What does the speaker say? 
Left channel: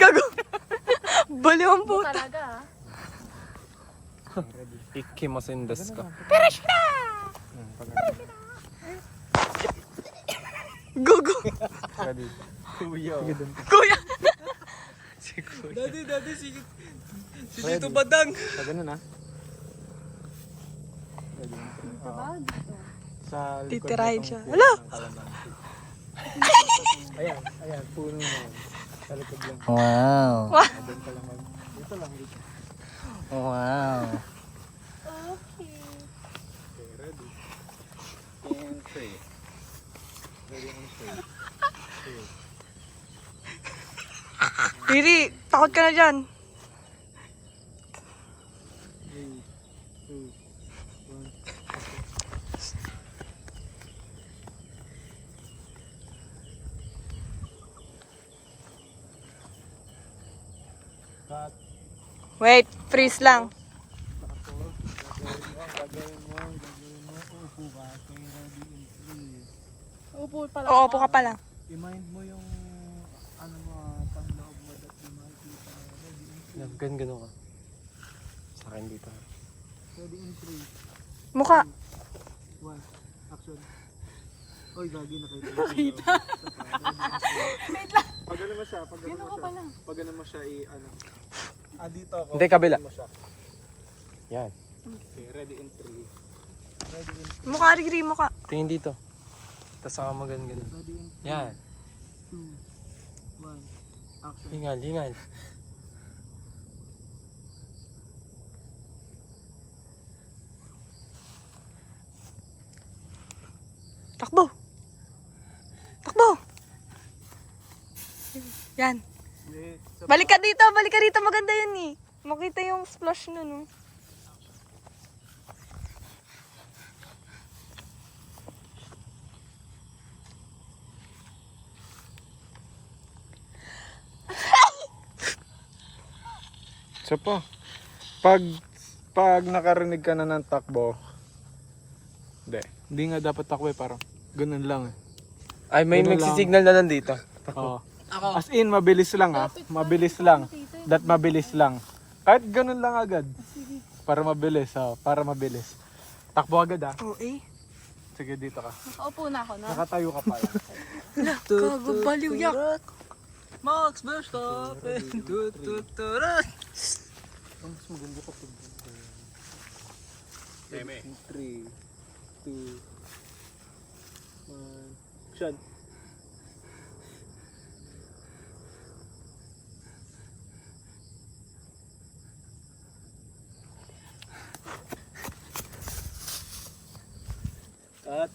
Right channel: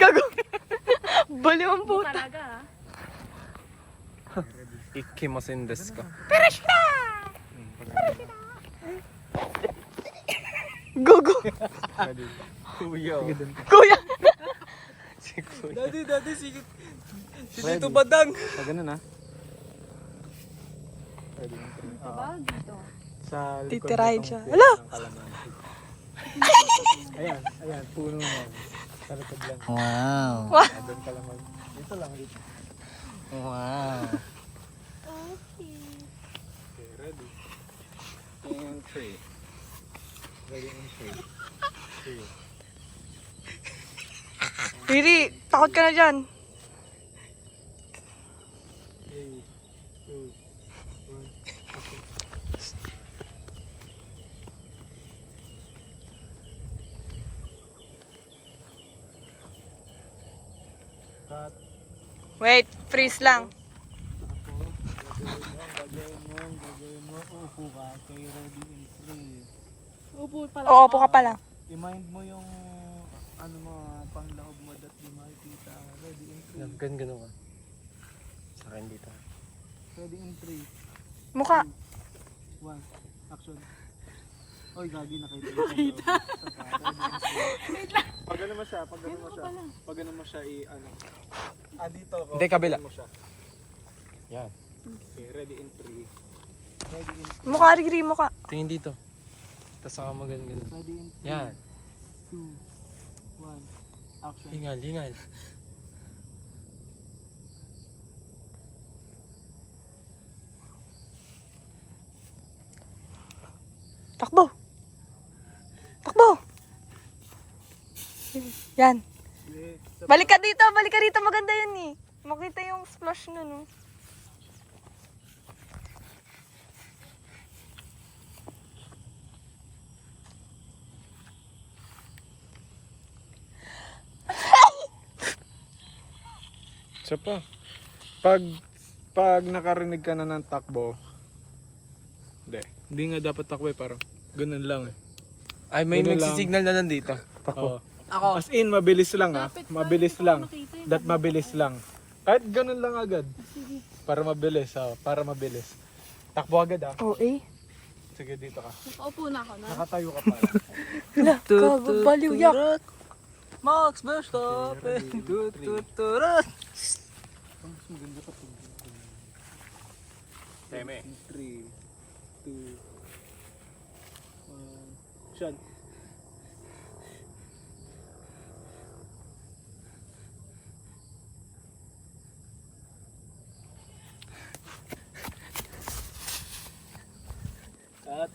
Gago. Baliw ang puta. Ikimasen desu ka? Gago. Kuya. Kuya. Daddy, sige ito badang. Sa ganun ha? Dito ba? Dito. Sa Titirahin siya. Hala. Ayan, puno na. Sa likod lang. Wow. Doon ka lang. Dito lang, dito. Wow. Okay. Okay, ready? And 3. Ready and 3. Riri, takot ka na dyan. 3, 2, 1. Cut. Wait, freeze lang. Gagawin mo. Upo ka. Okay, ready in 3. Upo pala. Oo, po ka pala. I-mind mo yung ano mo, pangloob mo that di makikita. Ready in 3. Ganun ka. Sa akin dito. Ready in 3. Mukha. 1. Action. Oy, gagi nakita. Pag ano mo siya, pag ano mo siya i-ano. Dito ako. Hindi, kabila. Yan. Okay, ready in 3. Ready in 3. Mukha, Riri, mukha. Tingin dito. Tapos saka maganda. Ready in 3. Yan. 2, 1. Action. Lingal. Takbo. Yan. Balik ka dito. Maganda yun eh. Makita yung splash nun, oh. Isa pa. Pag nakarinig ka na ng takbo, hindi nga dapat takbo eh, parang ganun lang eh. Ay, may Ganun lang. nagsisignal na nandito. Oo. As in, mabilis lang ah. Mabilis lang. That mabilis lang. Kahit ganun lang agad. Para mabilis, para mabilis. Takbo agad ah. Oo, eh. Sige, dito ka. Nakaupo na ako na. Nakatayo ka pala. Hala, gago, baliw yak. Max Verstappen. Tututurat. Ang mas maganda sa pag 3, 2, 1. Action. At